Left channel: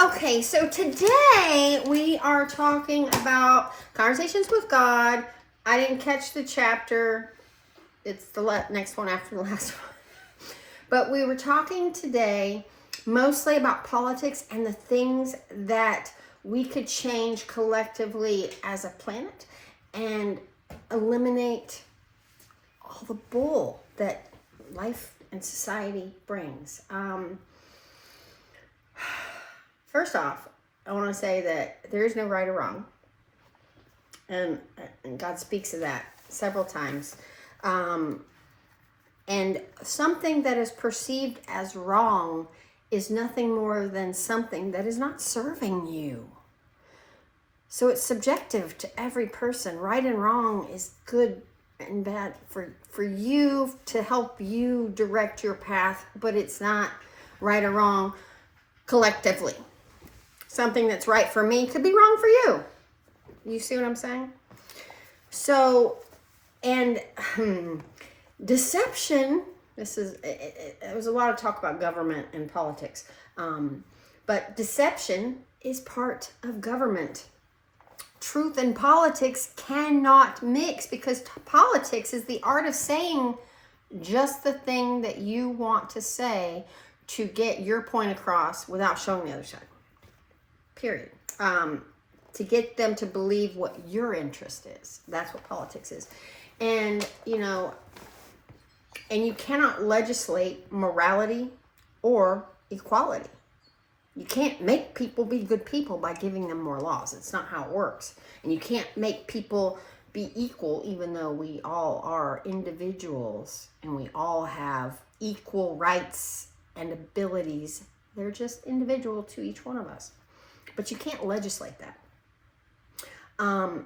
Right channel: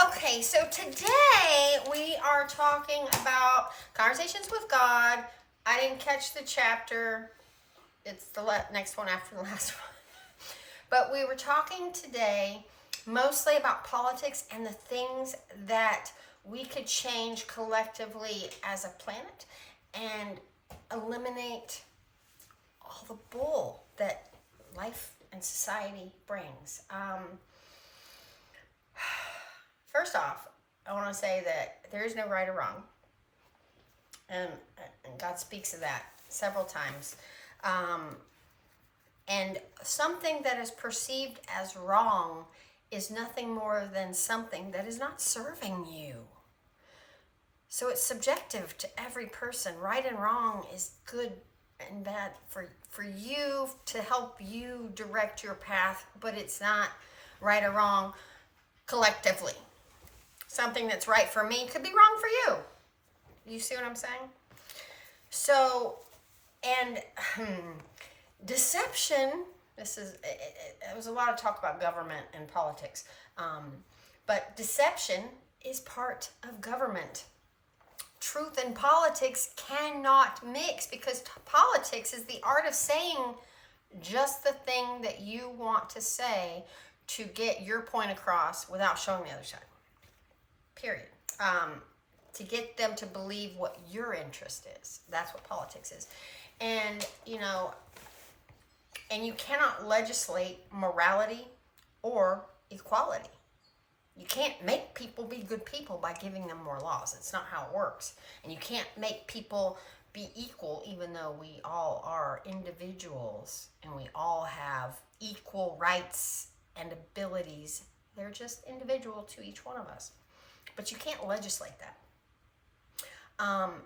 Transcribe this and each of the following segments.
Okay, so today we are talking about Conversations with God. I didn't catch the chapter. It's the next one after the last one. But we were talking today mostly about politics and the things that we could change collectively as a planet and eliminate all the bull that life and society brings. First off, I want to say that there is no right or wrong. And God speaks of that several times. And something that is perceived as wrong is nothing more than something that is not serving you. So it's subjective to every person. Right and wrong is good and bad for you to help you direct your path, but it's not right or wrong collectively. Something that's right for me could be wrong for you. You see what I'm saying? So, and deception, there was a lot of talk about government and politics, but deception is part of government. Truth and politics cannot mix because politics is the art of saying just the thing that you want to say to get your point across without showing the other side. Period. To get them to believe what your interest is. That's what politics is. And, and you cannot legislate morality or equality. You can't make people be good people by giving them more laws. It's not how it works. And you can't make people be equal even though we all are individuals and we all have equal rights and abilities. They're just individual to each one of us. But you can't legislate that. And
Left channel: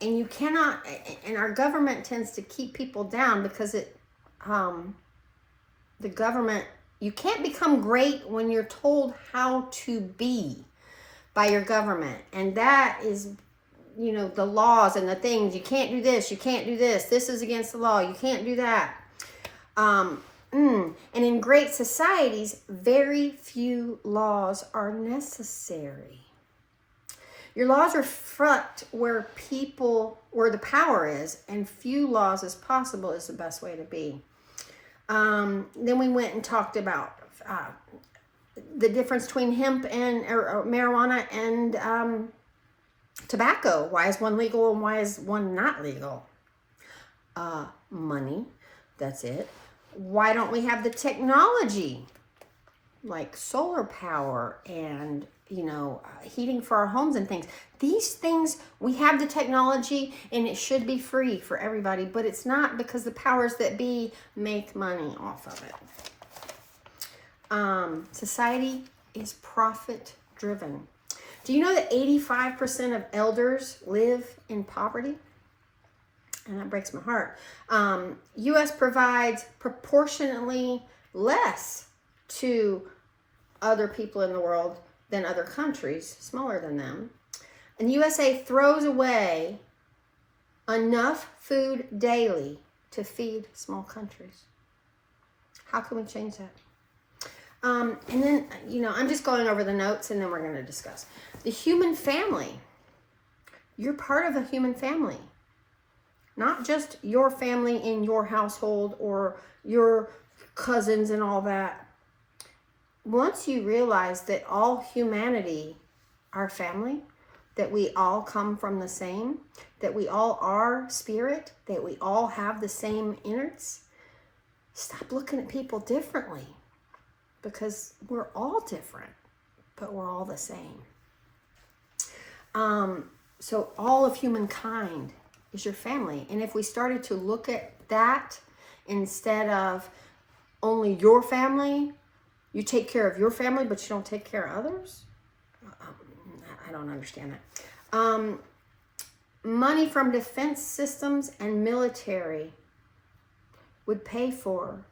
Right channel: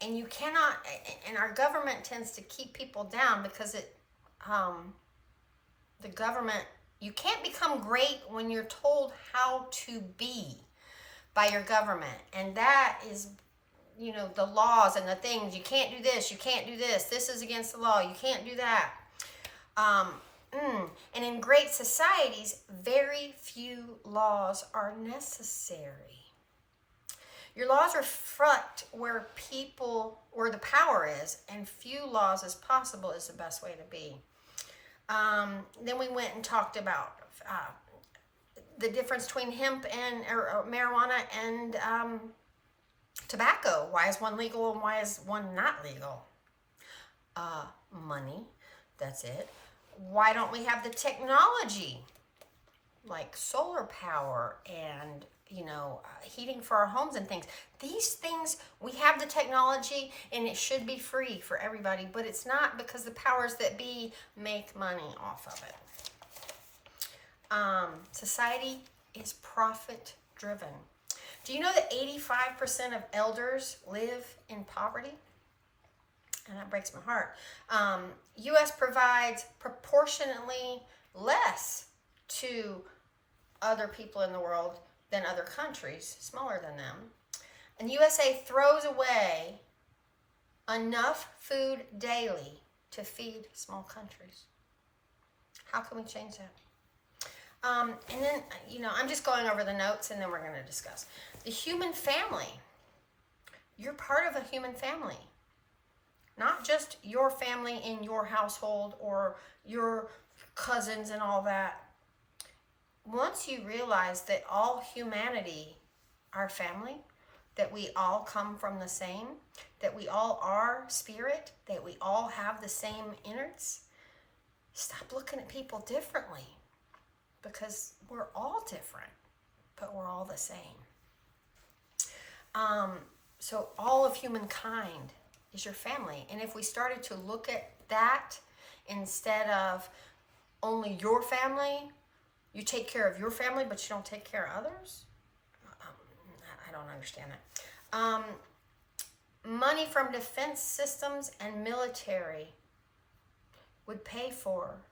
you cannot, and our government tends to keep people down because the government, you can't become great when you're told how to be by your government. And that is, the laws and the things. You can't do this, you can't do this. This is against the law, you can't do that. And in great societies, very few laws are necessary. Your laws reflect where the power is, and few laws as possible is the best way to be. Then we went and talked about the difference between hemp and or marijuana and tobacco. Why is one legal and why is one not legal? Money, that's it. Why don't we have the technology like solar power and, heating for our homes and things? These things, we have the technology and it should be free for everybody, but it's not because the powers that be make money off of it. Society is profit driven. Do you know that 85% of elders live in poverty? And that breaks my heart. U.S. provides proportionately less to other people in the world than other countries, smaller than them. And USA throws away enough food daily to feed small countries. How can we change that? And then, I'm just going over the notes and then we're going to discuss. The human family. You're part of a human family. Not just your family in your household or your cousins and all that. Once you realize that all humanity are family, that we all come from the same, that we all are spirit, that we all have the same innards, stop looking at people differently because we're all different, but we're all the same. So all of humankind is your family. And if we started to look at that instead of only your family, you take care of your family, but you don't take care of others? I don't understand that. Money from defense systems and military would pay for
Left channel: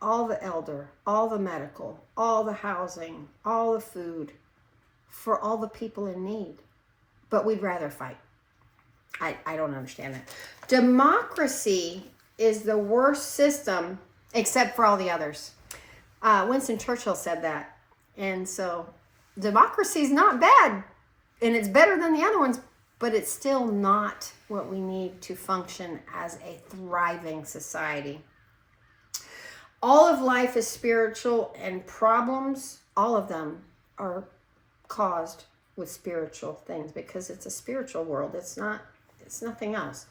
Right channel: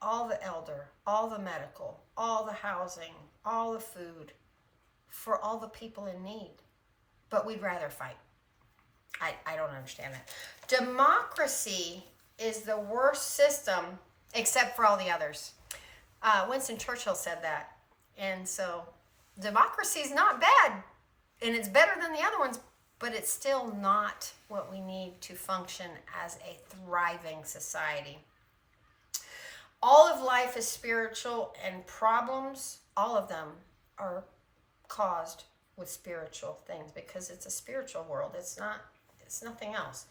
all the elder, all the medical, all the housing, all the food for all the people in need. But we'd rather fight. I don't understand that. Democracy is the worst system except for all the others. Winston Churchill said that. And so democracy is not bad, and it's better than the other ones, but it's still not what we need to function as a thriving society. All of life is spiritual, and problems, all of them, are caused with spiritual things, because it's a spiritual world. It's nothing else.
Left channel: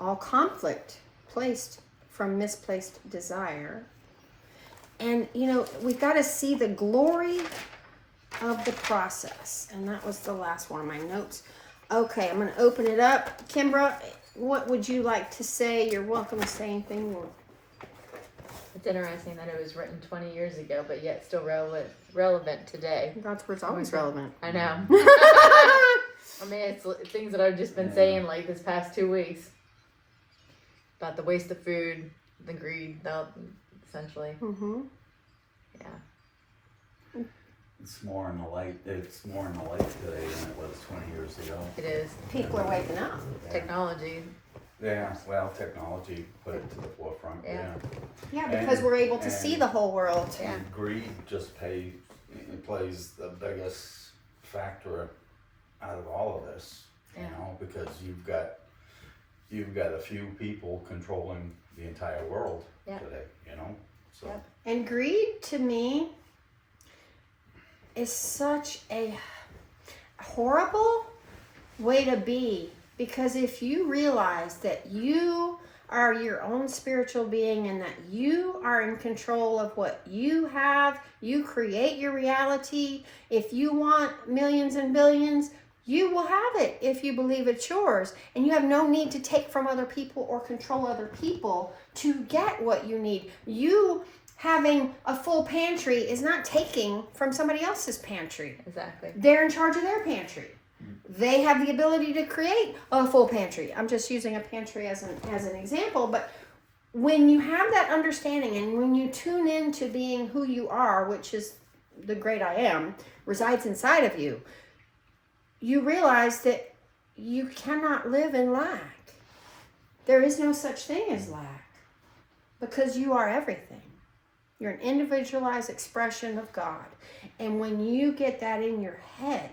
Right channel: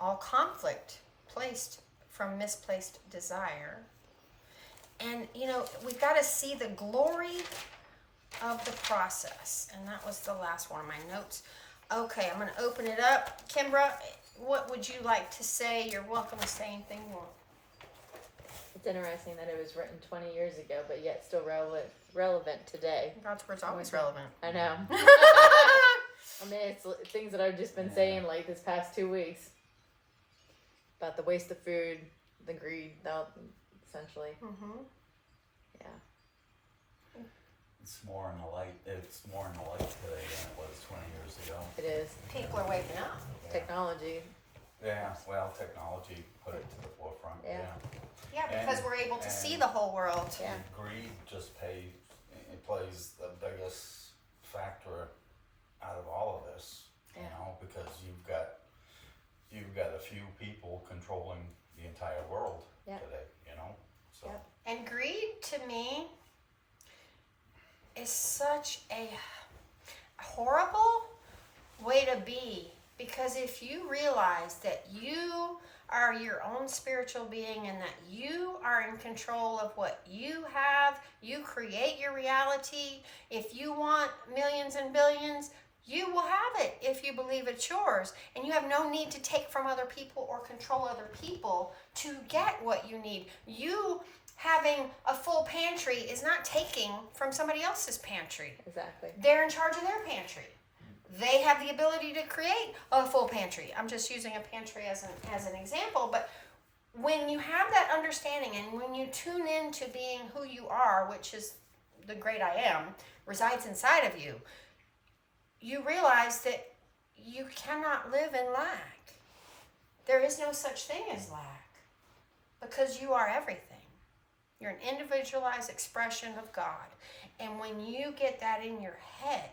All conflict placed from misplaced desire. And, you know, we've got to see the glory of the process. And that was the last one of my notes. Okay, I'm going to open it up. Kimbra, what would you like to say? You're welcome to say anything more. It's interesting that it was written 20 years ago, but yet still relevant today. God's word's always relevant. I know. I mean, it's things that I've just been saying like this past 2 weeks about the waste of food, the greed, essentially. Mm-hmm. Yeah. It's more in the light. It's more in the light today than it was 20 years ago. It is. People are waking up. Technology. Yeah, well, technology put it to the forefront. Yeah. Yeah, because we're able to see the whole world. And greed just plays the biggest factor out of all of this, you know, because you've got a few people controlling the entire world today, you know. So. Yeah. And greed, to me, is such a horrible way to be, because if you realize that you are your own spiritual being and that you are in control of what you have, you create your reality. If you want millions and billions, you will have it if you believe it's yours. And you have no need to take from other people or control other people to get what you need. You having a full pantry is not taking from somebody else's pantry. Exactly. They're in charge of their pantry. They have the ability to create a full pantry. I'm just using a pantry as an example, but when you have that understanding and when you tune into being who you are, which is the great I am, resides inside of you, you realize that you cannot live in lack. There is no such thing as lack, because you are everything. You're an individualized expression of God. And when you get that in your head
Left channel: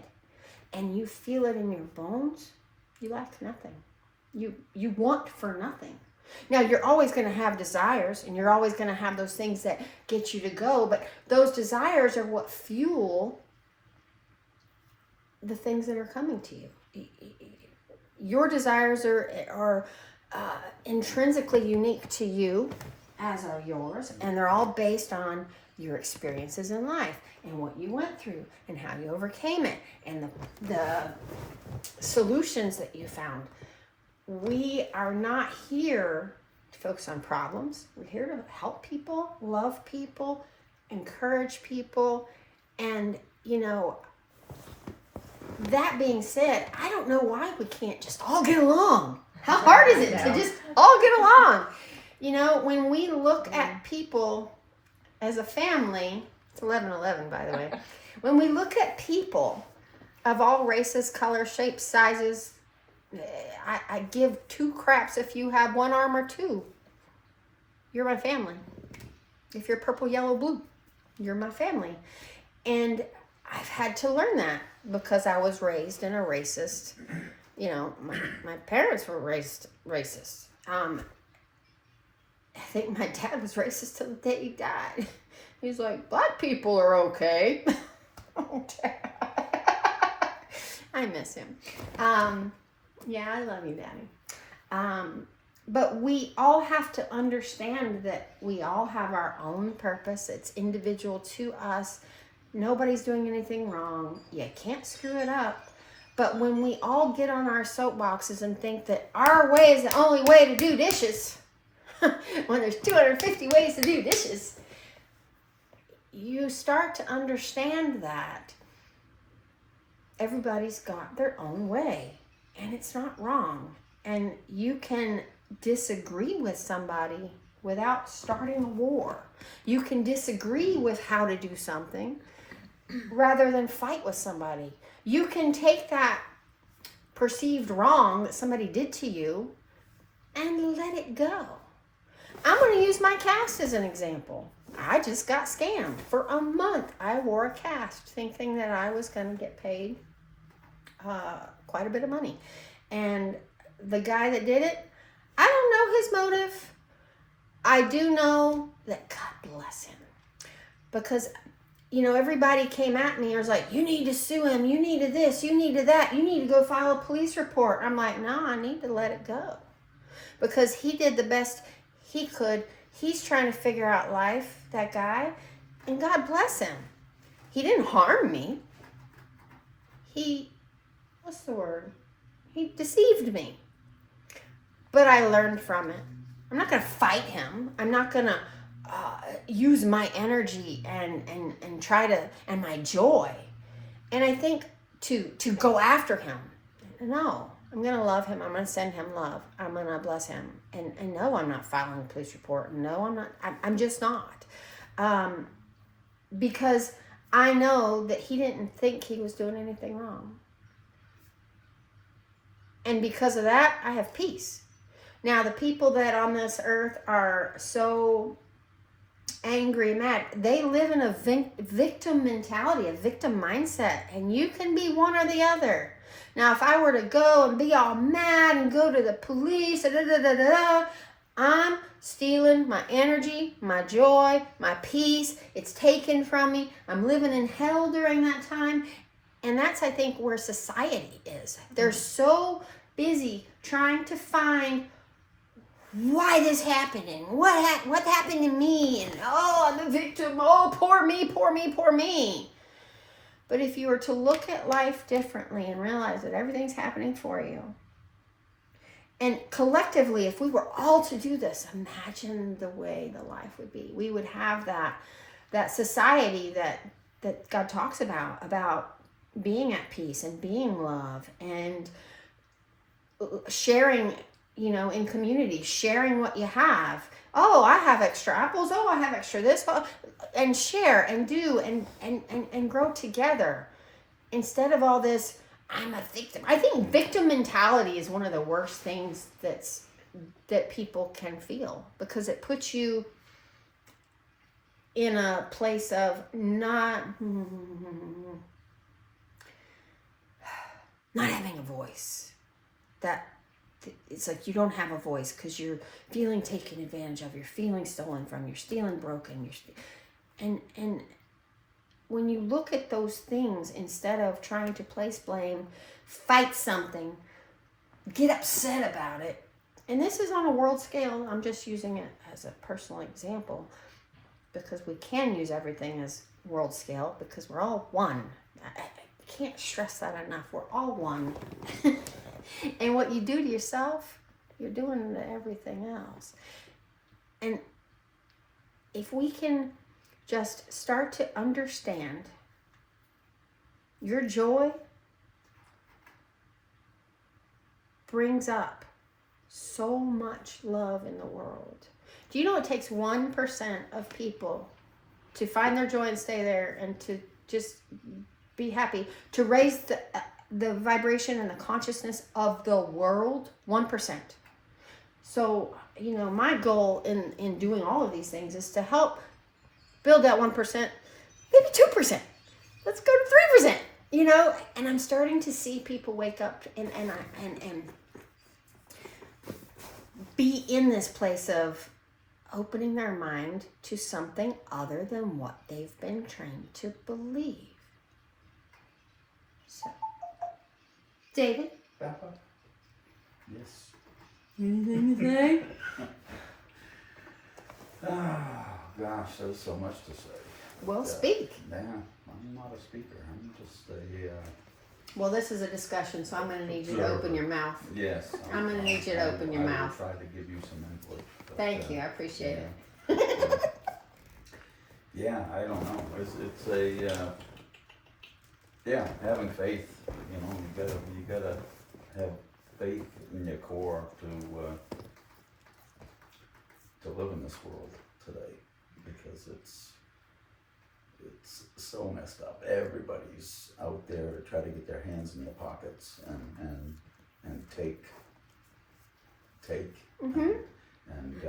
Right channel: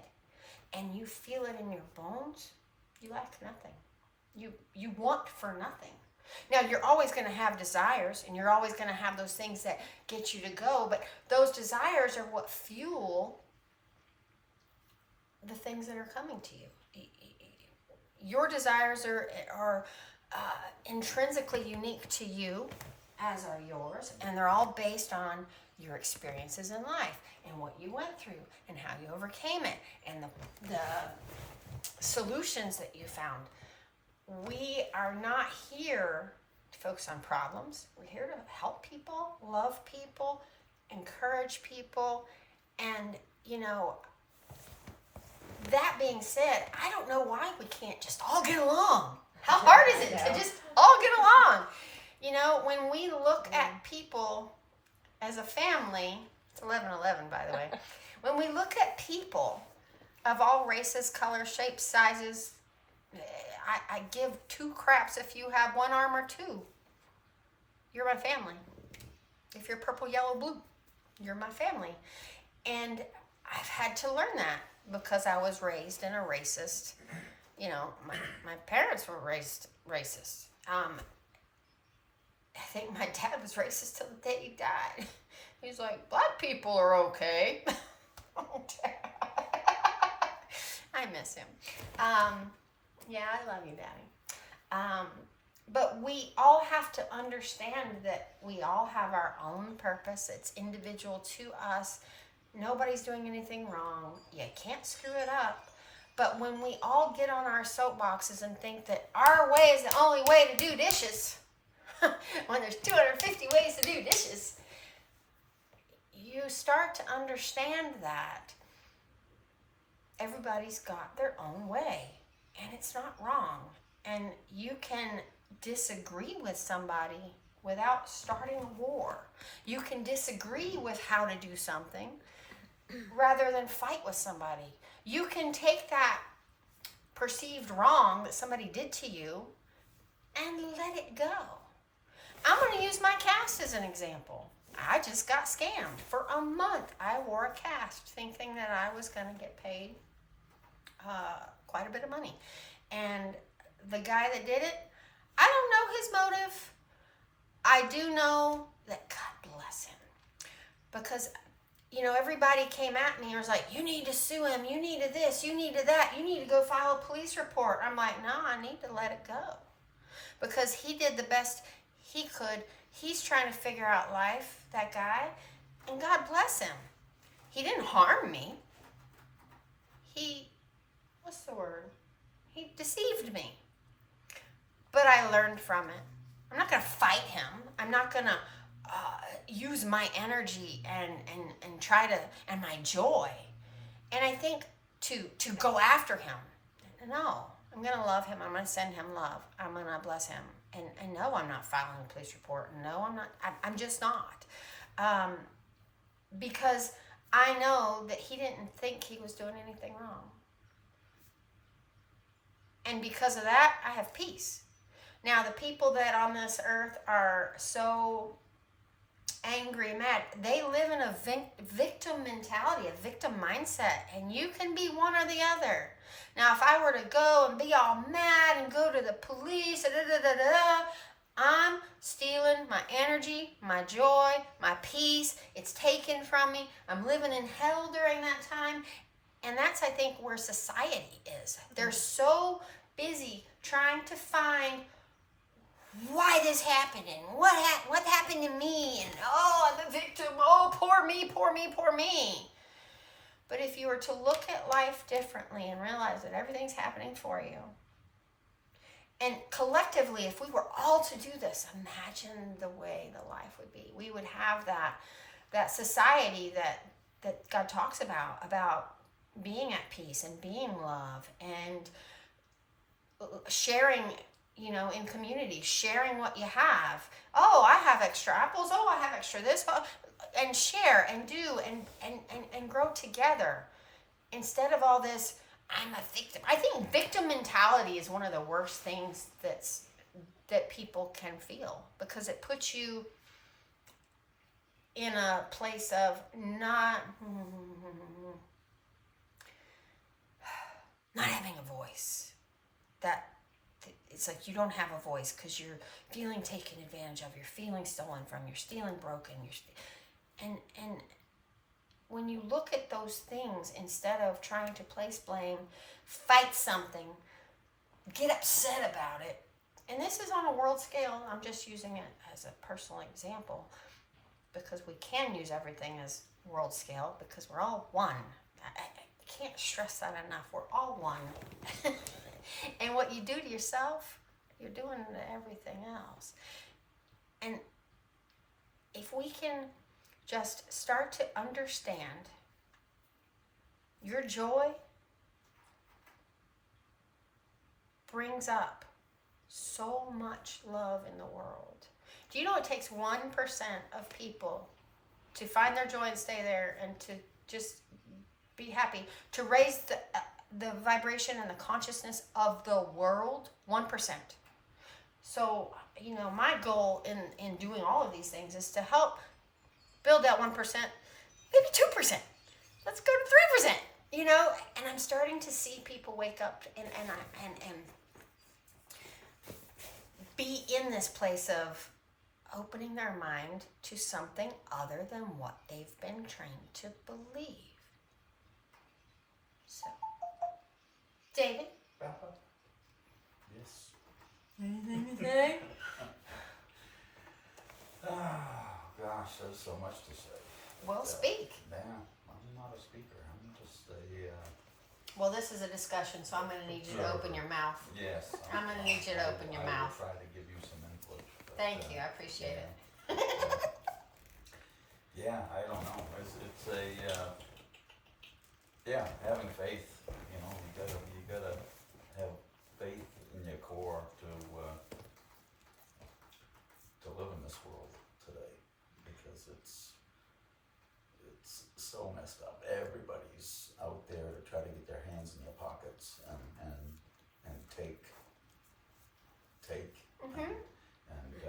and you feel it in your bones, you lack nothing. You want for nothing. Now, you're always going to have desires, and you're always going to have those things that get you to go, but those desires are what fuel the things that are coming to you. Your desires are intrinsically unique to you, as are yours, and they're all based on your experiences in life and what you went through and how you overcame it and the solutions that you found. We are not here to focus on problems. We're here to help people, love people, encourage people. And, you know, that being said, I don't know why we can't just all get along. How hard is it to just all get along? You know, when we look at people as a family, it's 11:11, by the way. When we look at people of all races, colors, shapes, sizes, I give two craps if you have one arm or two. You're my family. If you're purple, yellow, blue, you're my family. And I've had to learn that because I was raised in a racist, you know, my parents were raised racist. I think my dad was racist till the day he died. He was like, black people are okay. Oh, Dad. I miss him. Yeah, I love you, Daddy. But we all have to understand that we all have our own purpose. It's individual to us. Nobody's doing anything wrong. You can't screw it up. But when we all get on our soapboxes and think that our way is the only way to do dishes, when there's 250 ways to do dishes, you start to understand that everybody's got their own way, and it's not wrong. And you can disagree with somebody without starting a war. You can disagree with how to do something rather than fight with somebody. You can take that perceived wrong that somebody did to you and let it go. I'm going to use my cast as an example. I just got scammed for a month. I wore a cast thinking that I was going to get paid quite a bit of money. And the guy that did it, I don't know his motive. I do know that God bless him. Because, you know, everybody came at me and was like, you need to sue him. You need to this. You need to that. You need to go file a police report. I'm like, no, I need to let it go. Because he did the best he could. He's trying to figure out life, that guy. And God bless him. He didn't harm me. What's the word? He deceived me. But I learned from it. I'm not going to fight him. I'm not going to use my energy and try to, and my joy. And I think to go after him. No, I'm going to love him. I'm going to send him love. I'm going to bless him. And no, I'm not filing a police report. No, I'm not. I'm just not. Because I know that he didn't think he was doing anything wrong. And because of that, I have peace. Now, the people that on this earth are so angry and mad, they live in a victim mentality, a victim mindset. And you can be one or the other. Now, if I were to go and be all mad and go to the police, I'm stealing my energy, my joy, my peace. It's taken from me. I'm living in hell during that time. And that's, I think, where society is. They're so busy trying to find why this happening, what happened to me, and oh, I'm a victim, oh, poor me, poor me, poor me. But if you were to look at life differently and realize that everything's happening for you, and collectively, if we were all to do this, imagine the way the life would be. We would have that society that God talks about being at peace and being love and sharing, you know, in community, sharing what you have. Oh, I have extra apples. Oh, I have extra this. Oh, and share and do and grow together. Instead of all this, I'm a victim. I think victim mentality is one of the worst things that people can feel, because it puts you in a place of not having a voice. That it's like you don't have a voice because you're feeling taken advantage of, you're feeling stolen from, you're feeling broken, and when you look at those things, instead of trying to place blame, fight something, get upset about it. And this is on a world scale. I'm just using it as a personal example because we can use everything as world scale because we're all one. I can't stress that enough. We're all one. And what you do to yourself, you're doing to everything else. And if we can just start to understand your joy brings up so much love in the world. Do you know it takes 1% of people to find their joy and stay there and to just be happy, to raise the vibration and the consciousness of the world? 1%. So, you know, my goal in doing all of these things is to help build that 1%, maybe 2%. Let's go to 3%, you know? And I'm starting to see people wake up and be in this place of opening their mind to something other than what they've been trained to believe. So, David? Yes. Anything to say? Oh, gosh, there's so much to say. Well, speak. Yeah, I'm not a speaker. I'm just a... Well, this is a discussion, so I'm going to need you to open your mouth. Yes. I'm going to need you to open your mouth. I will try to give you some input. But, Thank you. I appreciate yeah. it. Yeah, I don't know. It's a... yeah, having faith. You know, you gotta have faith in your core to live in this world today, because it's so messed up. Everybody's out there to try to get their hands in their pockets and take. Mm-hmm. And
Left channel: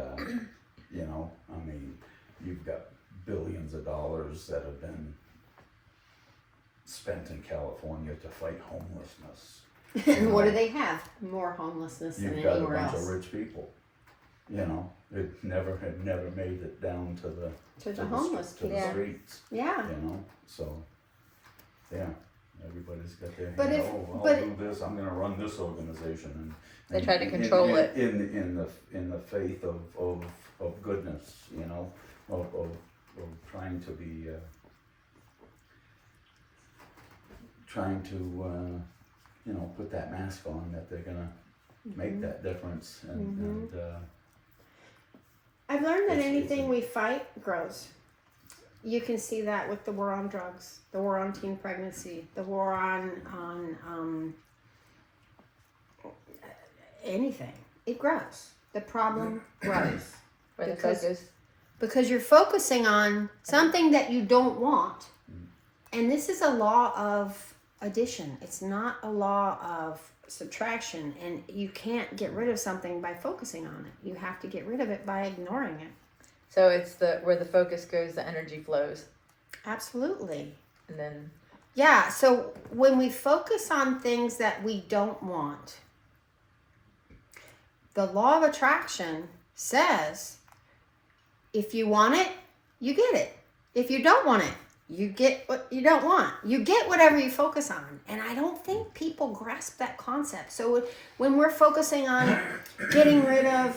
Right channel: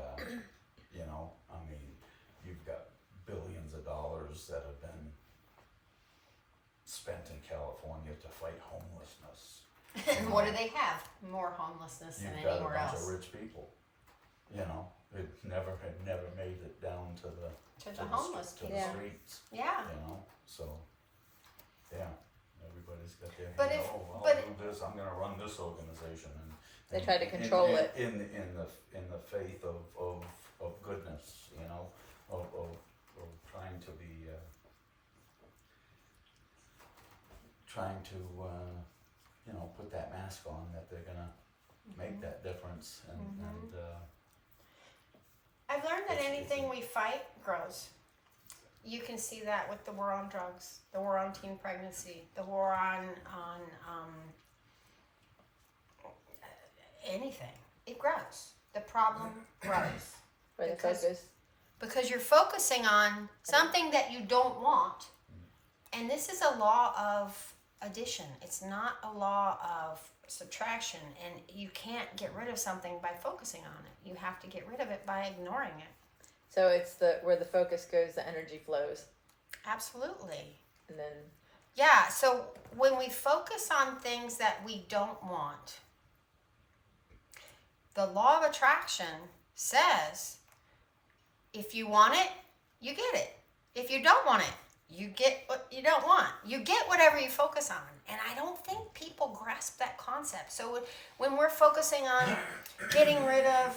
you know, I mean, you've got billions of dollars that have been spent in California to fight homelessness. And what do they have? More homelessness than You've got a anywhere bunch else. of rich people. It had never made it down to the To the homeless to the people. streets. Yeah. So yeah, everybody's got their But hand, if- I'll but- do this, I'm gonna run this organization, and They try to in- control in, it. in the faith of goodness, of trying to be trying to put that mask on, that they're gonna make that difference, and I've learned that It's- anything we fight grows. You can see that with the war on drugs, the war on teen pregnancy, the war on anything. It grows. The problem grows When the Because- focus. because you're focusing on something that you don't want. And this is a law of addition. It's not a law of subtraction, and you can't get rid of something by focusing on it. You have to get rid of it by ignoring it. So it's where the focus goes, the energy flows, Absolutely. and then Yeah, so when we focus on things that we don't want, the law of attraction says if you want it, you get it. If you don't want it, you get what you don't want. You get whatever you focus on. And I don't think people grasp that concept. So when we're focusing on getting rid of,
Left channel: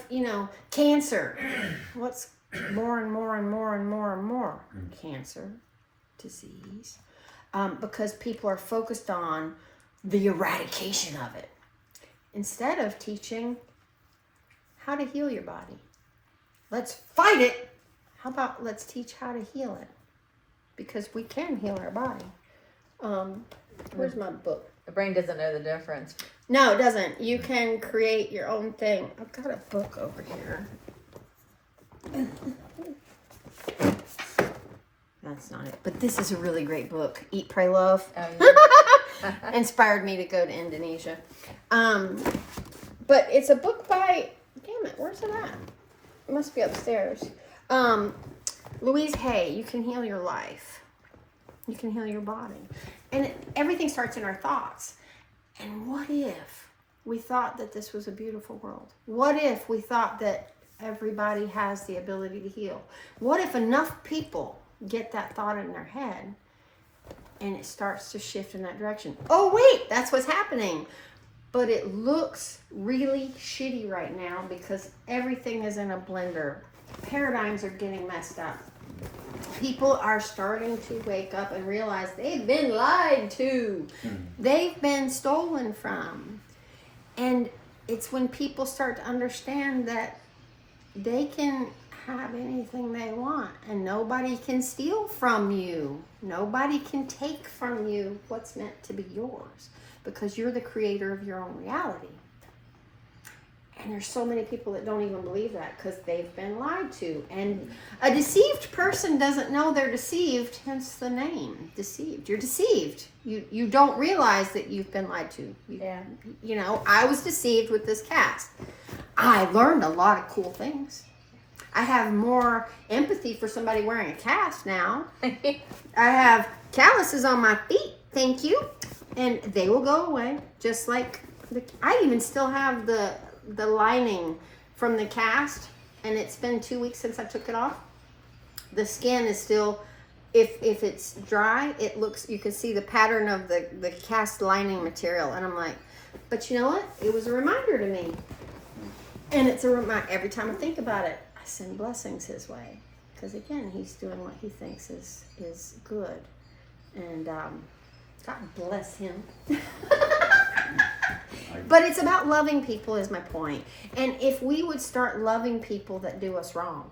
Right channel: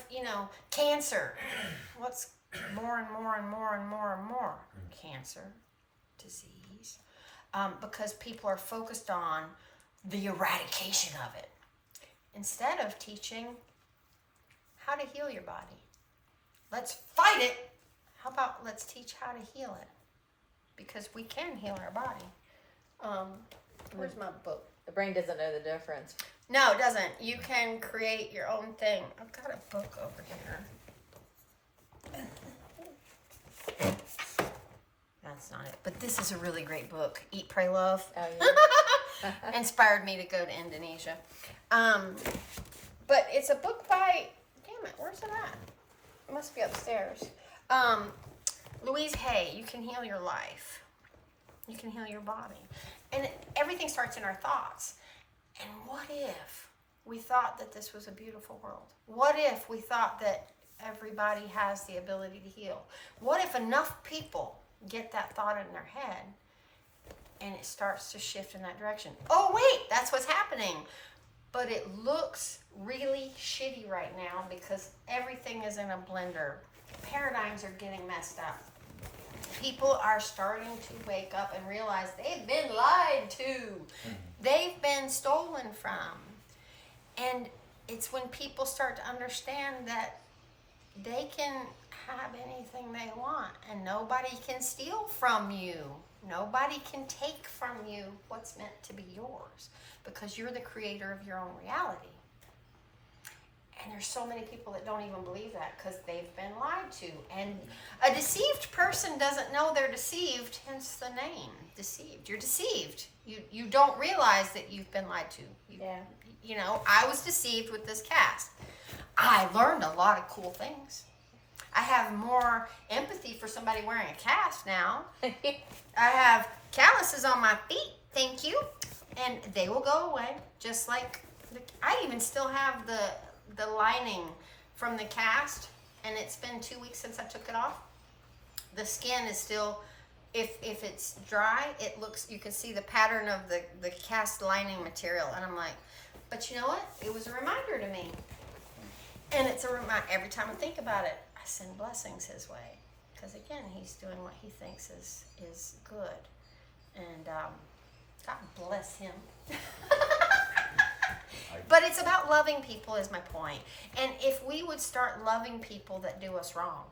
cancer, what's more and more and more and more and more? Cancer, disease. Because people are focused on the eradication of it instead of teaching how to heal your body. Let's fight it. How about let's teach how to heal it? Because we can heal our body. Where's my book? the brain doesn't know the difference. No, it doesn't. You can create your own thing. I've got a book over here. That's not it. But this is a really great book. Eat, Pray, Love. Inspired me to go to Indonesia. But it's a book by, damn it, where's it at? It must be upstairs. Louise Hay, You Can Heal Your Life. You can heal your body. And everything starts in our thoughts. And what if we thought that this was a beautiful world? What if we thought that everybody has the ability to heal? What if enough people get that thought in their head and it starts to shift in that direction? Oh wait, that's what's happening. But it looks really shitty right now because everything is in a blender. Paradigms are getting messed up. People are starting to wake up and realize they've been lied to. They've been stolen from. And it's when people start to understand that they can have anything they want and nobody can steal from you. Nobody can take from you what's meant to be yours because you're the creator of your own reality. And there's so many people that don't even believe that because they've been lied to. And a deceived person doesn't know they're deceived, hence the name, deceived. You're deceived. You don't realize that you've been lied to. I was deceived with this cast. I learned a lot of cool things. I have more empathy for somebody wearing a cast now. I have calluses on my feet, thank you. And they will go away, just like I even still have the lining from the cast, and it's been 2 weeks since I took it off. The skin is still, if it's dry, it looks, you can see the pattern of the cast lining material, and I'm like, but you know what? It was a reminder to me. And it's a reminder, every time I think about it, I send blessings his way. Because again, he's doing what he thinks is good. And God bless him. But it's about loving people is my point. And if we would start loving people that do us wrong.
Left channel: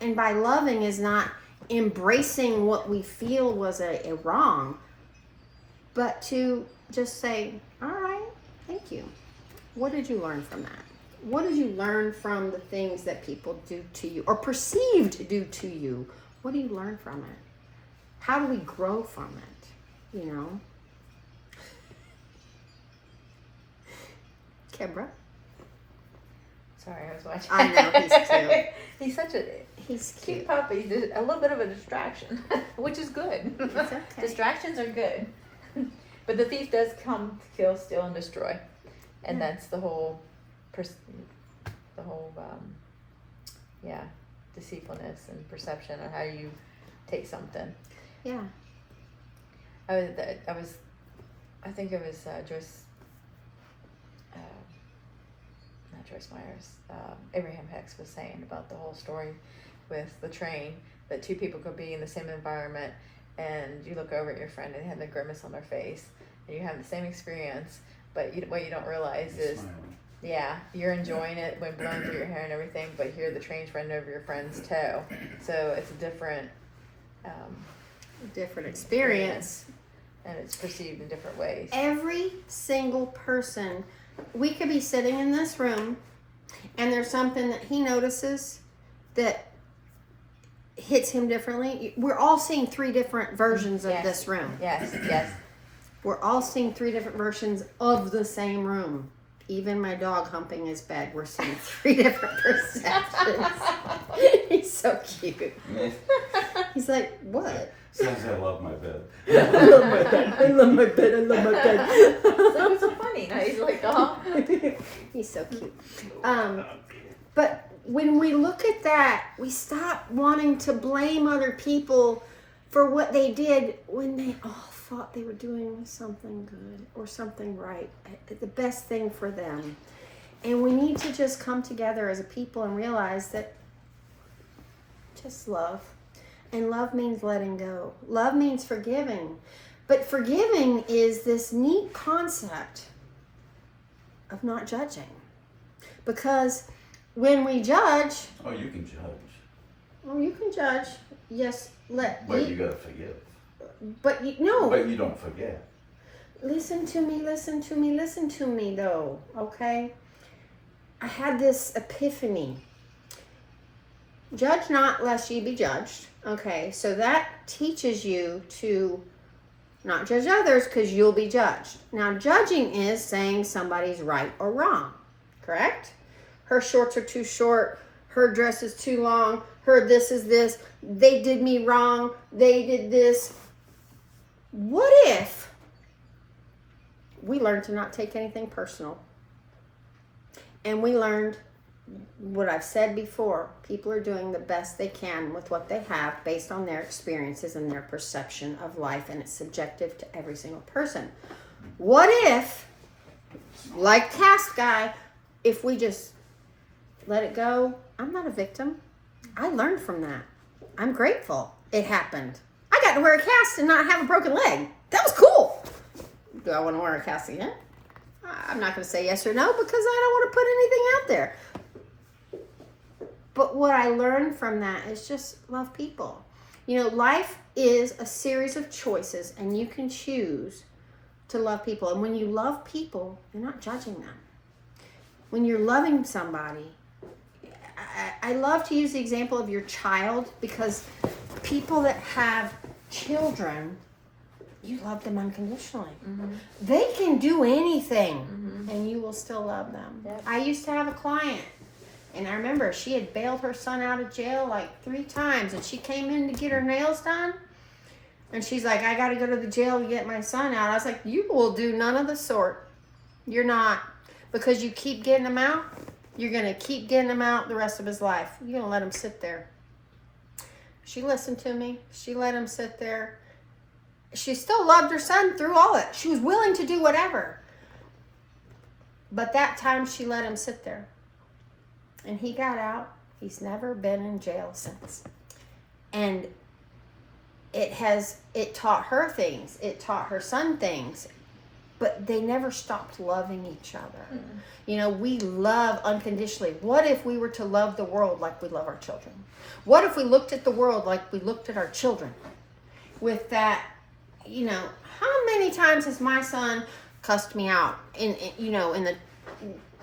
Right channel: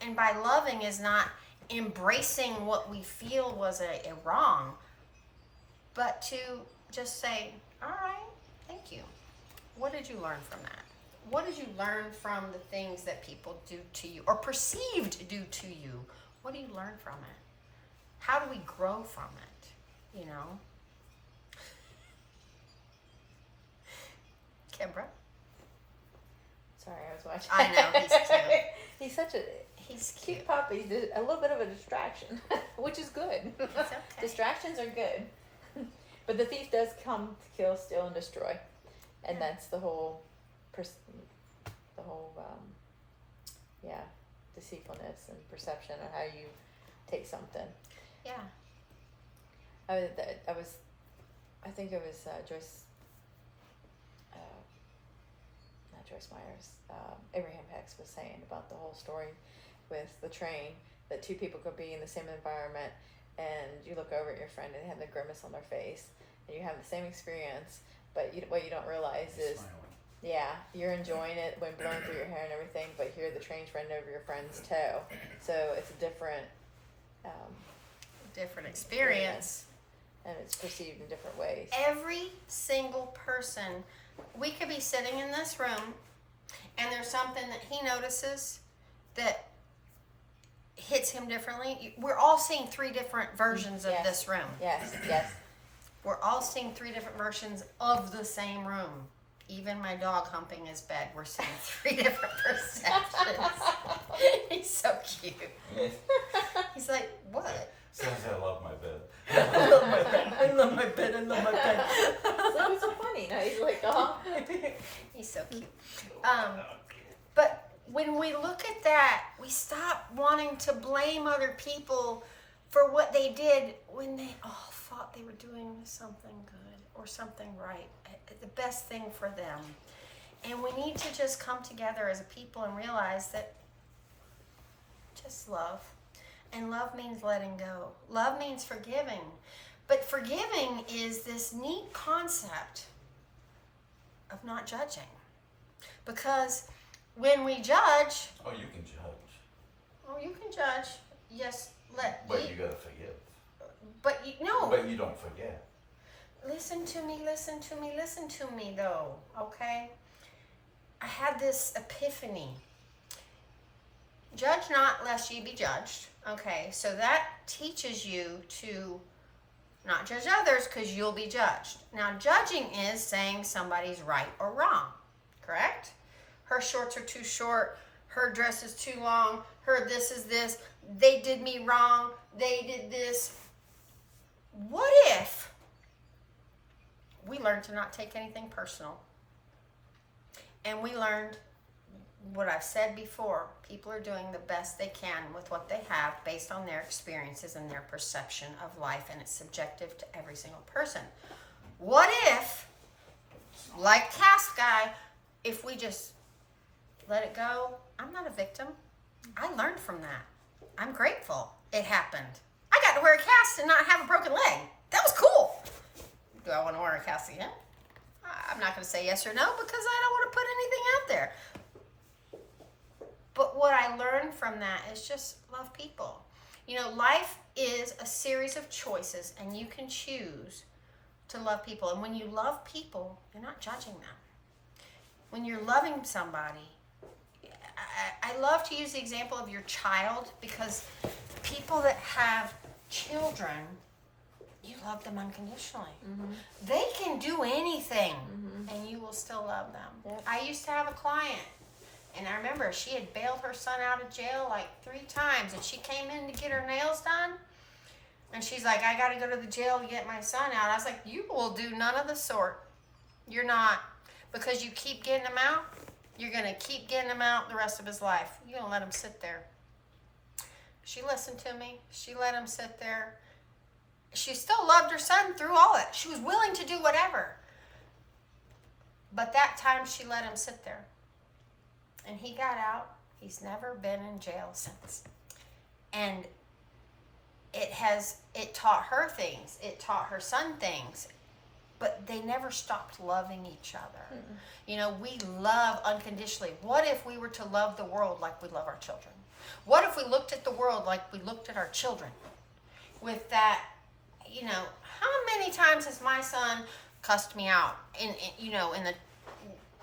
And by loving is not embracing what we feel was a wrong, but to just say, all right, thank you. What did you learn from that? What did you learn from the things that people do to you or perceived to do to you? What do you learn from it? How do we grow from it? Kebra? Sorry, I was watching. I know, he's cute. He's such a He's cute cute. puppy. Just a little bit of a distraction, which is good. It's okay. Distractions are good. But the thief does come to kill, steal, and destroy, and Yeah. that's the whole, deceitfulness and perception of how you take something. Yeah. I think it was Joyce, not Joyce Myers, Abraham Hicks was saying about the whole story with the train, that two people could be in the same environment, and you look over at your friend and they have a grimace on their face, and you have the same experience, but what you don't realize is, yeah, you're enjoying it when blowing through your hair and everything, but here the train's running over your friend's toe, so it's a different, Different experience. and it's perceived in different ways. Every single person, we could be sitting in this room and there's something that he notices that hits him differently. We're all seeing 3 different versions of Yeah. this room. Yes, yes. We're all seeing 3 different versions of the same room. Even my dog humping his bed, we're seeing 3 different perceptions. He's so cute. He's like, what? Says I love my bed. I love my bed. I love my bed. I love my bed. That was funny. Now he's like, oh. He's so cute. But when we look at that, we stop wanting to blame other people for what they did when they all thought they were doing something good or something right, the best thing for them. And we need to just come together as a people and realize that just love. And love means letting go. Love means forgiving. But forgiving is this neat concept of not judging. Because when we judge, Oh, you can judge, well, you can judge. Yes, but you gotta forgive. but you, no. But you don't forget. Listen to me, listen to me, listen to me though, okay? I had this epiphany. Judge not lest ye be judged. Okay, so that teaches you to not judge others because you'll be judged. Now, judging is saying somebody's right or wrong, correct? Her shorts are too short, her dress is too long, her this is this, they did me wrong, they did this. What if we learned to not take anything personal? And we learned what I've said before, people are doing the best they can with what they have based on their experiences and their perception of life, and it's subjective to every single person. What if, like Task Guy, if we just let it go? I'm not a victim. I learned from that. I'm grateful it happened. I got to wear a cast and not have a broken leg. That was cool. Do I want to wear a cast again? I'm not going to say yes or no because I don't want to put anything out there. But what I learned from that is just love people. You know, life is a series of choices, and you can choose to love people. And when you love people, you're not judging them. When you're loving somebody, I love to use the example of your child, because people that have children, you love them unconditionally. Mm-hmm. They can do anything, Mm-hmm. and you will still love them. Yes. I used to have a client, and I remember she had bailed her son out of jail like 3 times, and she came in to get her nails done, and she's like, I got to go to the jail to get my son out. I was like, you will do none of the sort. You're not. Because you keep getting him out, you're going to keep getting him out the rest of his life. You're going to let him sit there. She listened to me. She let him sit there. She still loved her son through all that. She was willing to do whatever. But that time she let him sit there. And he got out. He's never been in jail since. And it taught her things. It taught her son things. But they never stopped loving each other. Mm-hmm. You know, we love unconditionally. What if we were to love the world like we love our children? What if we looked at the world like we looked at our children? With that, you know, how many times has my son cussed me out in the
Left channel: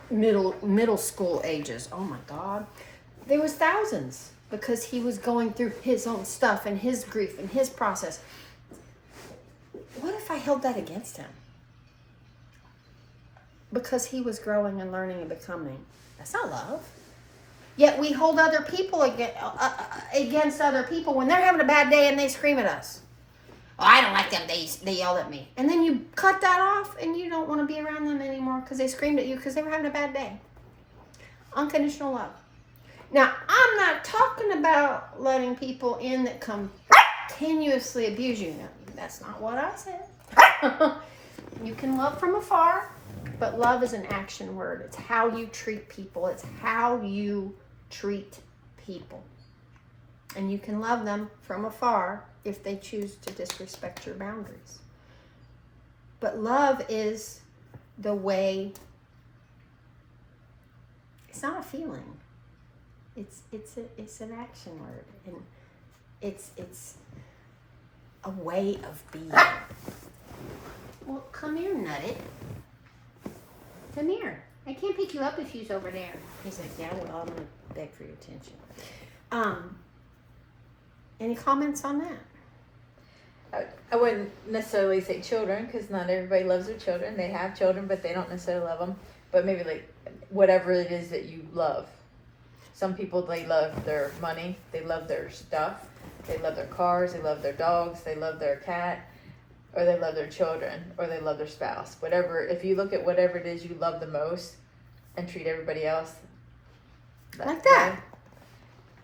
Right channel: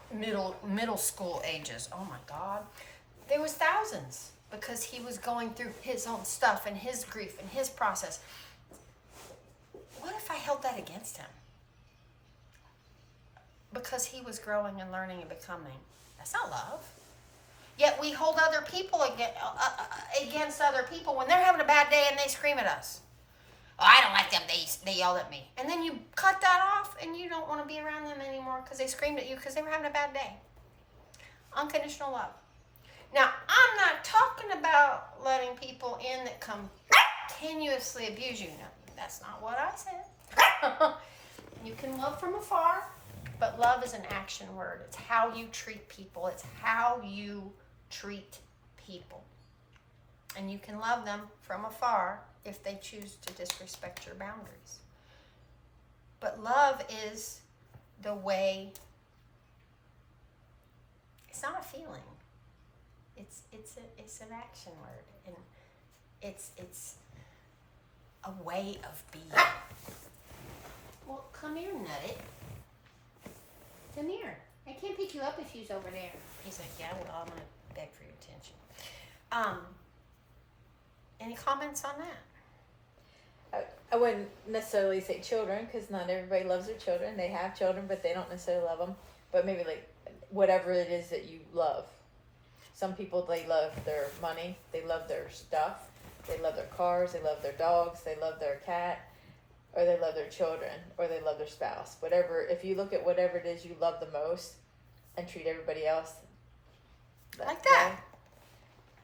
middle school ages? Oh my God. There was thousands, because he was going through his own stuff and his grief and his process. What if I held that against him? Because he was growing and learning and becoming. That's not love. Yet we hold other people against other people when they're having a bad day and they scream at us. Oh, I don't like them. They yelled at me. And then you cut that off and you don't want to be around them anymore because they screamed at you because they were having a bad day. Unconditional love. Now, I'm not talking about letting people in that continuously abuse you. That's not what I said. You can love from afar, but love is an action word. It's how you treat people. It's how you treat people. And you can love them from afar if they choose to disrespect your boundaries. But love is the way, it's not a feeling. It's an action word. And it's a way of being. Well, come here, Nutty. Come here. I can't pick you up if you's over there. He's like, yeah, well, I'm going to beg for your attention. Any comments on that? I wouldn't necessarily say children, because not everybody loves their children. They have children, but they don't necessarily love them. But maybe like whatever it is that you love. Some people, they love their money, they love their stuff, they love their cars, they love their dogs, they love their cat, or they love their children, or they love their spouse. Whatever, if you look at whatever it is you love the most and treat everybody else like that.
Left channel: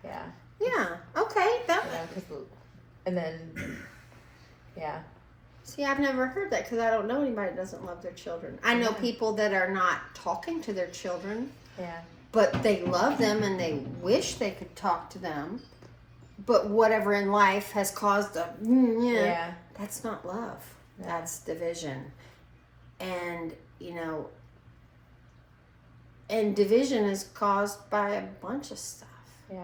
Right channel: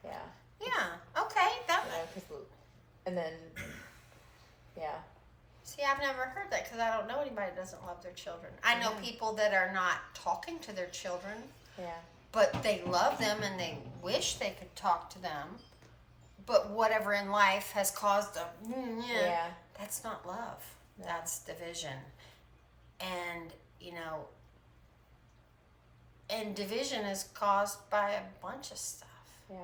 Yeah. Yeah, okay. And then, yeah. See, I've never heard that because I don't know anybody that doesn't love their children. I know people that are not talking to their children. Yeah. But they love them and they wish they could talk to them. But whatever in life has caused a, that's not love. No. That's division. And, and division is caused by a bunch of stuff. Yeah.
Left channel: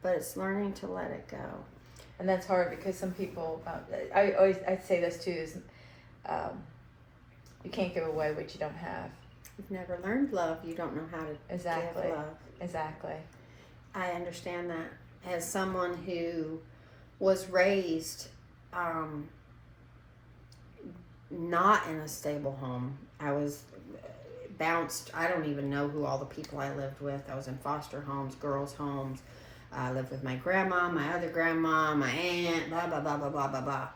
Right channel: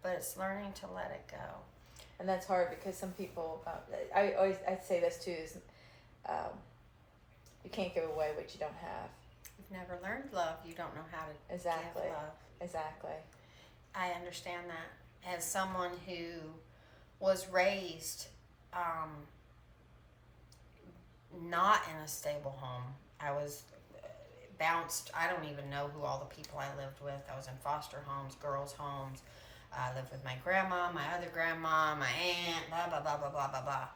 But it's learning to let it go. And that's hard because some people, I say this too, is you can't give away what you don't have. You've never learned love, you don't know how to give love. Exactly. I understand that. As someone who was raised not in a stable home, I was bounced. I don't even know who all the people I lived with. I was in foster homes, girls' homes. I lived with my grandma, my other grandma, my aunt, blah, blah, blah, blah, blah, blah, blah.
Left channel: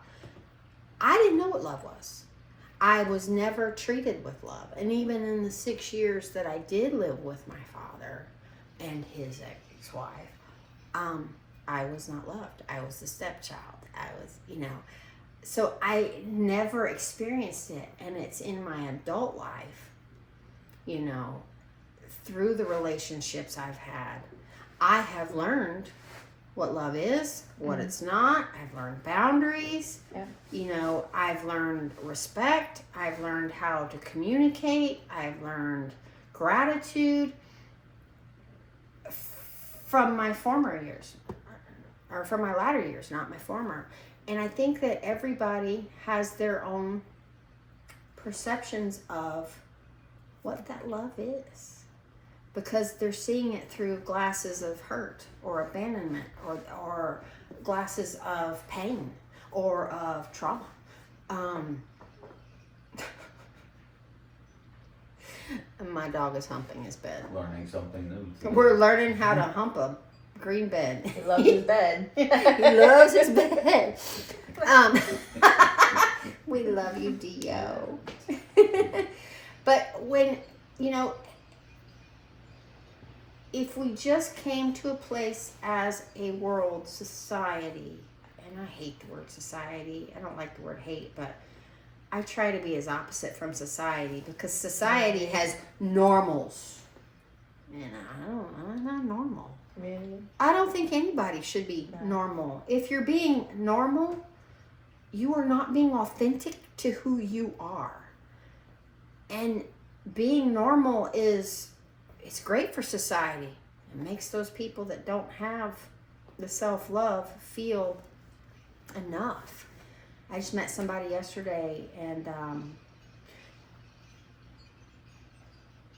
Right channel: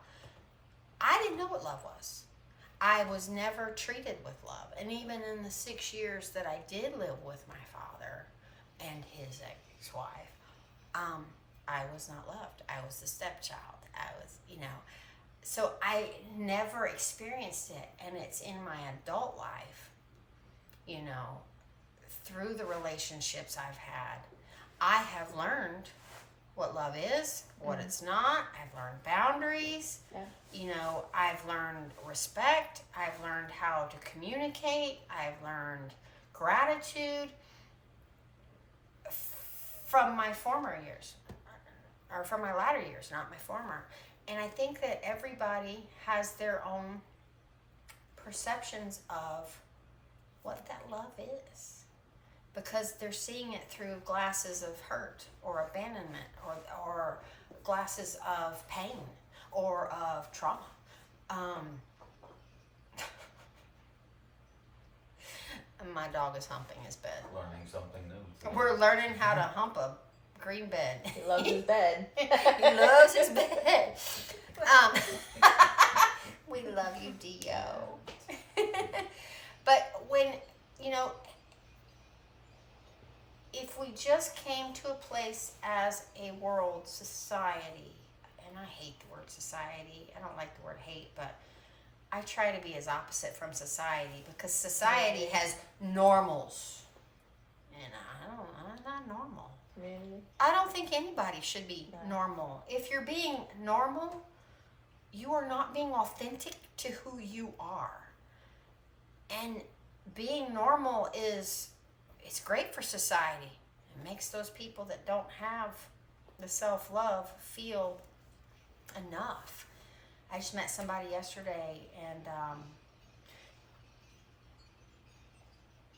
I didn't know what love was. I was never treated with love. And even in the 6 years that I did live with my father and his ex-wife, I was not loved. I was the stepchild. I was, so I never experienced it. And it's in my adult life, through the relationships I've had, I have learned what love is, what it's not. I've learned boundaries. Yeah. I've learned respect. I've learned how to communicate. I've learned gratitude from my former years, or from my latter years, not my former. And I think that everybody has their own perceptions of what that love is, because they're seeing it through glasses of hurt or abandonment or glasses of pain or of trauma. My dog is humping his bed. Learning something new. We're learning how to hump a green bed. He loves his bed. He loves his bed. We love you, Dio. But when, if we just came to a place as a world, society, and I hate the word society, I don't like the word hate, but I try to be as opposite from society, because society has normals, and I'm not normal. Really? I don't think anybody should be normal. If you're being normal, you are not being authentic to who you are. And being normal it's great for society. It makes those people that don't have the self-love feel enough. I just met somebody yesterday, and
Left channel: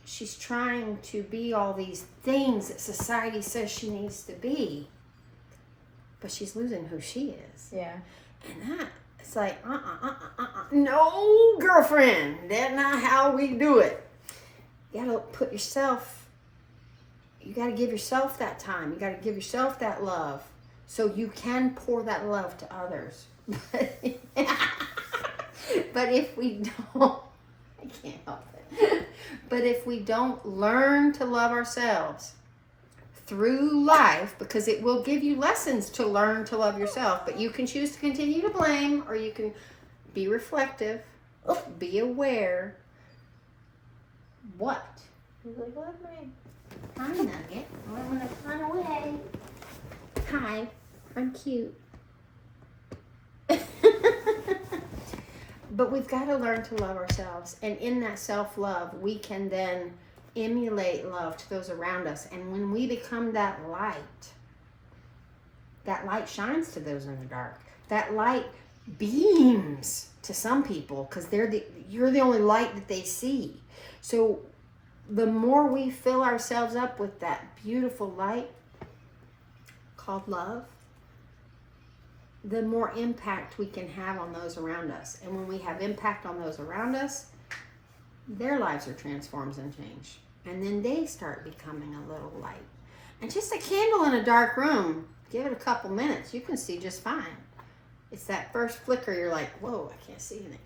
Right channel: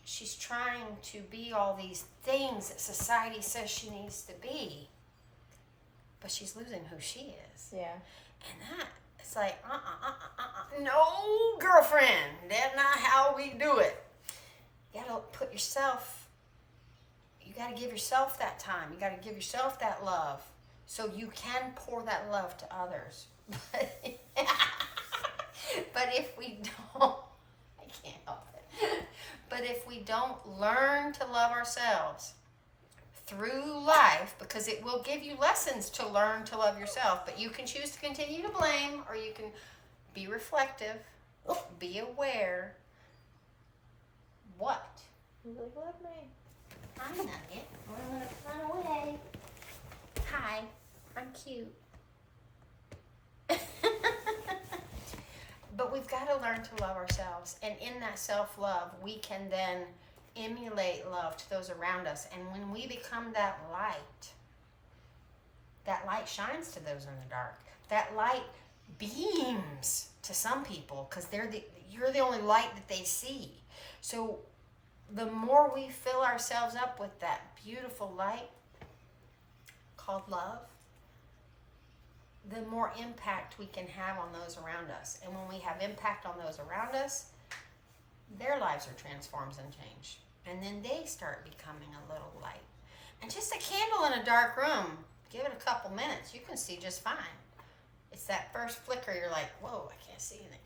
she's trying to be all these things that society says she needs to be, but she's losing who she is. Yeah. And it's like, no, girlfriend, that's not how we do it. You gotta put yourself, you got to give yourself that time. You got to give yourself that love so you can pour that love to others. But if we don't, I can't help it. But if we don't learn to love ourselves through life, because it will give you lessons to learn to love yourself, but you can choose to continue to blame, or you can be reflective, be aware. What? Hi, Nugget. I'm gonna run away. Hi, I'm cute. But we've got to learn to love ourselves, and in that self-love, we can then emulate love to those around us. And when we become that light shines to those in the dark. That light beams to some people because you're the only light that they see. So the more we fill ourselves up with that beautiful light called love, the more impact we can have on those around us. And when we have impact on those around us, their lives are transformed and changed. And then they start becoming a little light. And just a candle in a dark room, give it a couple minutes, you can see just fine. It's that first flicker, you're like, whoa, I can't see anything.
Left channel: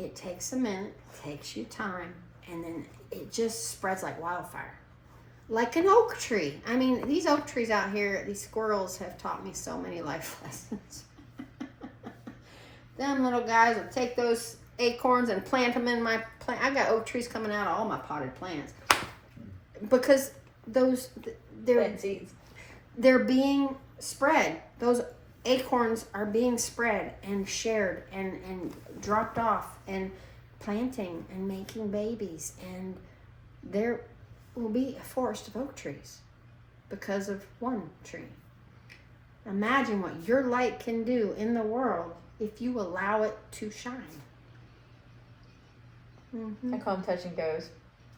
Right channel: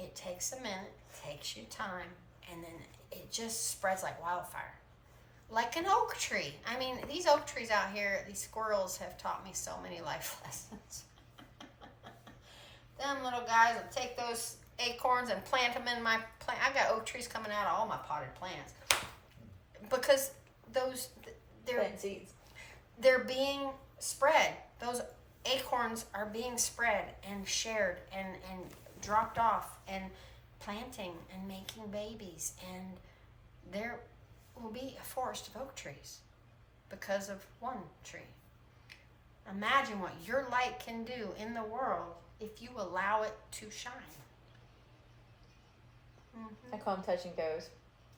It takes a minute, takes you time, and then it just spreads like wildfire. Like an oak tree. I mean, these oak trees out here, these squirrels have taught me so many life lessons. Them little guys will take those acorns and plant them in my plant. I got oak trees coming out of all my potted plants. Because they're being spread. Those acorns are being spread and shared and dropped off and planting and making babies. And there will be a forest of oak trees because of one tree. Imagine what your light can do in the world if you allow it to shine. Mm-hmm. I call them touch and goes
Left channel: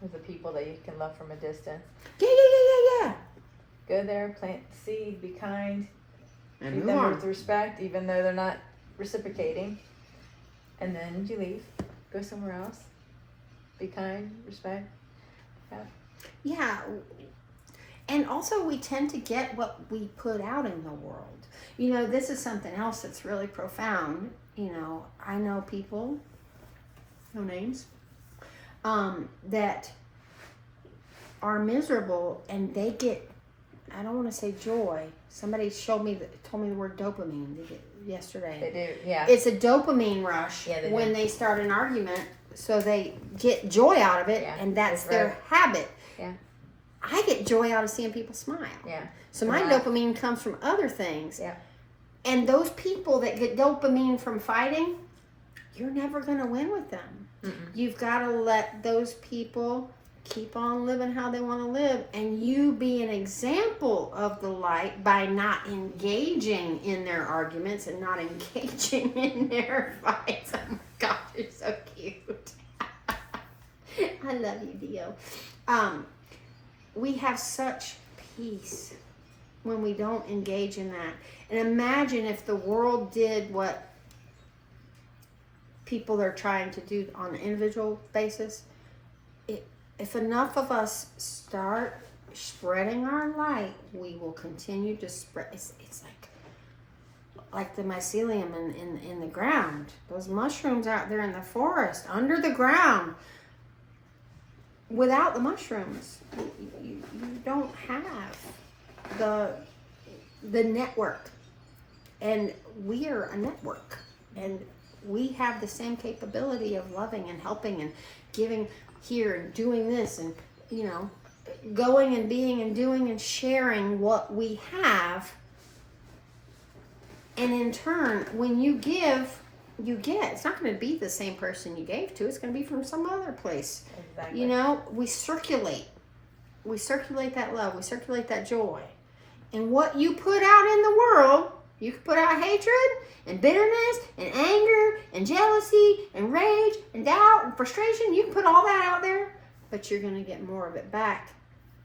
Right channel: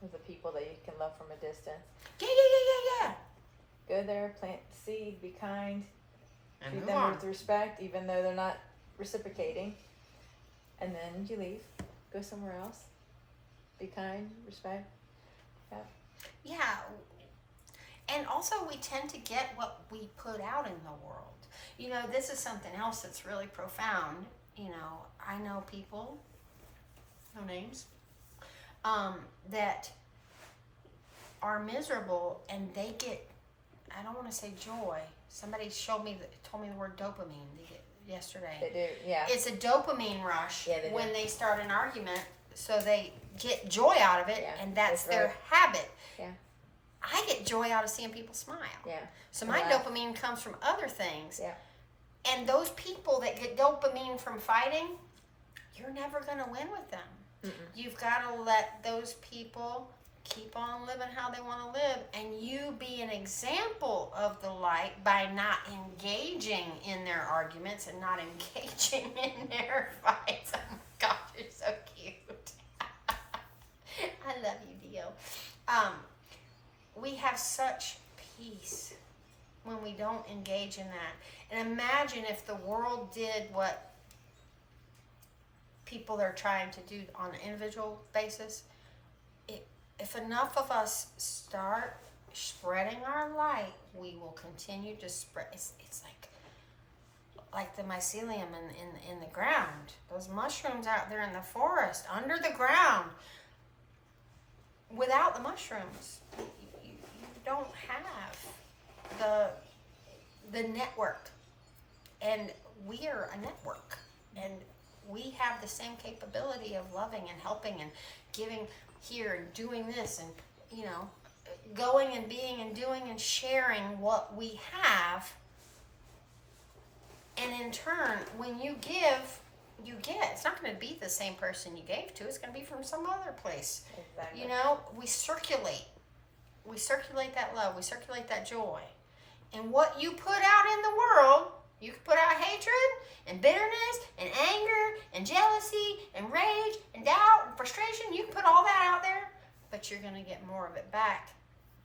with the people that you can love from a distance. Yeah. Go there, plant the seed, be kind, And treat move them on. with respect, even though they're not reciprocating. And then you leave, go somewhere else, be kind, respect. Yeah. And also we tend to get what we put out in the world. You know, this is something else that's really profound. You know, I know people, no names, that are miserable and they get, I don't want to say joy. Somebody told me the word dopamine yesterday. They do, yeah. It's a dopamine rush Yeah, when they start an argument, so they get joy out of it, Yeah, and that's that's their right. habit. Yeah. I get joy out of seeing people smile. Yeah. So my Smile. dopamine comes from other things. Yeah. And those people that get dopamine from fighting, you're never going to win with them. Mm-mm. You've got to let those people keep on living how they want to live, and you be an example of the light by not engaging in their arguments and not engaging in their fights. Oh my gosh, you're so cute. I love you, Dio. We have such peace when we don't engage in that. And imagine if the world did what people are trying to do on an individual basis. If enough of us start spreading our light, we will continue to spread. It's like the mycelium in the ground. Those mushrooms out there in the forest, under the ground. Without the mushrooms, you don't have the network. And we are a network. And we have the same capability of loving and helping and giving here and doing this and, you know, going and being and doing and sharing what we have. And in turn, when you give, you get. It's not going to be the same person you gave to. It's going to be from some other place. Exactly. You know, we circulate. We circulate that love. We circulate that joy. And what you put out in the world, you can put out hatred and bitterness and anger and jealousy and rage and doubt and frustration. You can put all that out there, but you're going to get more of it back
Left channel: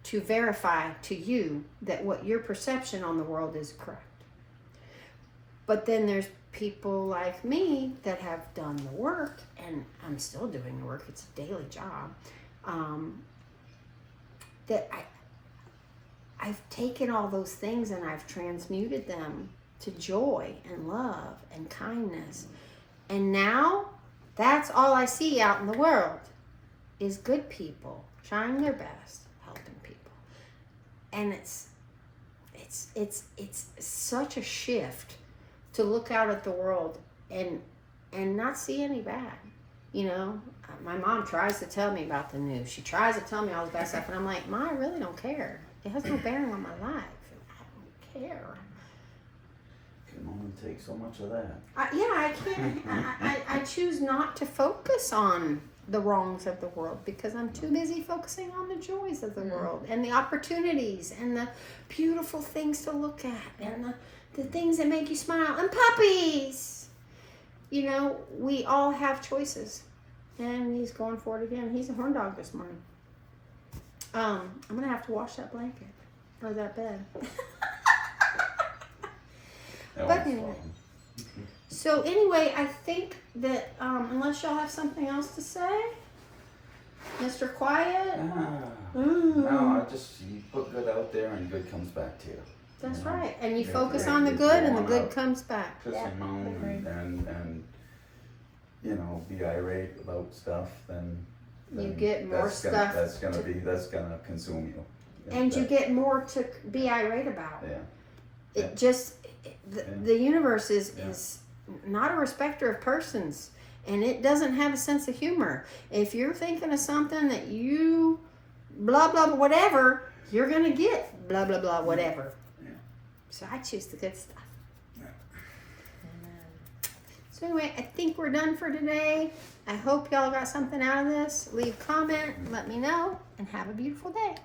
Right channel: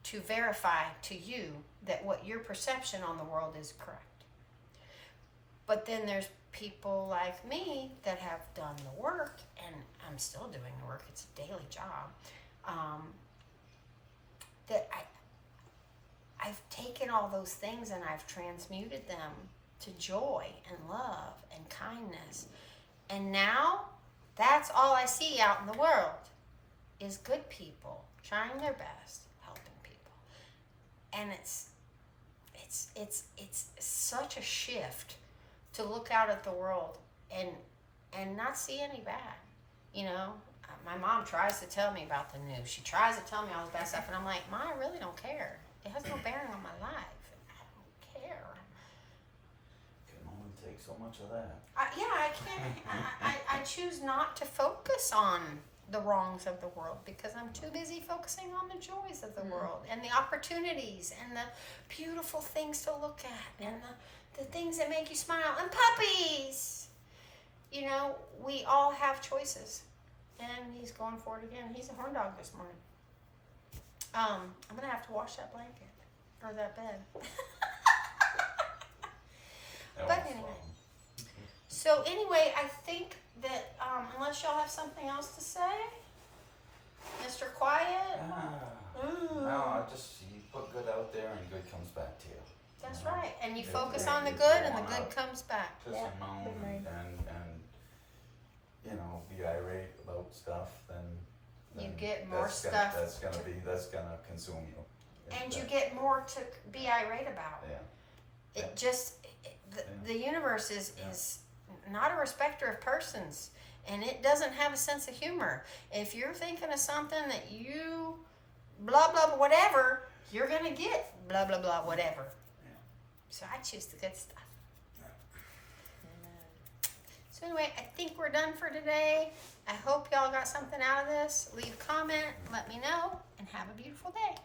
to verify to you that what your perception on the world is correct. But then there's people like me that have done the work, and I'm still doing the work. It's a daily job. That I've taken all those things and I've transmuted them to joy and love and kindness. And now that's all I see out in the world is good people trying their best, helping people. And it's such a shift to look out at the world and not see any bad. You know, my mom tries to tell me about the news. She tries to tell me all the bad stuff, and I'm like, Ma, I really don't care. It has no bearing on my life. I don't care. Can only take so much of that. I can't. I choose not to focus on the wrongs of the world because I'm too busy focusing on the joys of the world and the opportunities and the beautiful things to look at and the things that make you smile and puppies. You know, we all have choices. And he's going for it again. He's a horn dog this morning. I'm going to have to wash that blanket or that bed. But anyway. So anyway, I think that unless y'all have something else to say, Mr. Quiet. No, I just, you put good out there and good comes back to you. That's Yeah. right. And you Yeah, focus yeah, on the yeah, good and the yeah. good comes back. Just alone and you know, be irate about stuff, then You get more that's stuff that's gonna consume you. And you get more to be irate about. Yeah. It just, the universe is Yeah. not a respecter of persons. And it doesn't have a sense of humor. If you're thinking of something that you blah, blah, whatever, you're going to get blah, blah, blah, whatever. Yeah. So I choose the good stuff. Yeah. So anyway, I think we're done for today. I hope y'all got something out of this. Leave a comment, let me know, and have a beautiful day.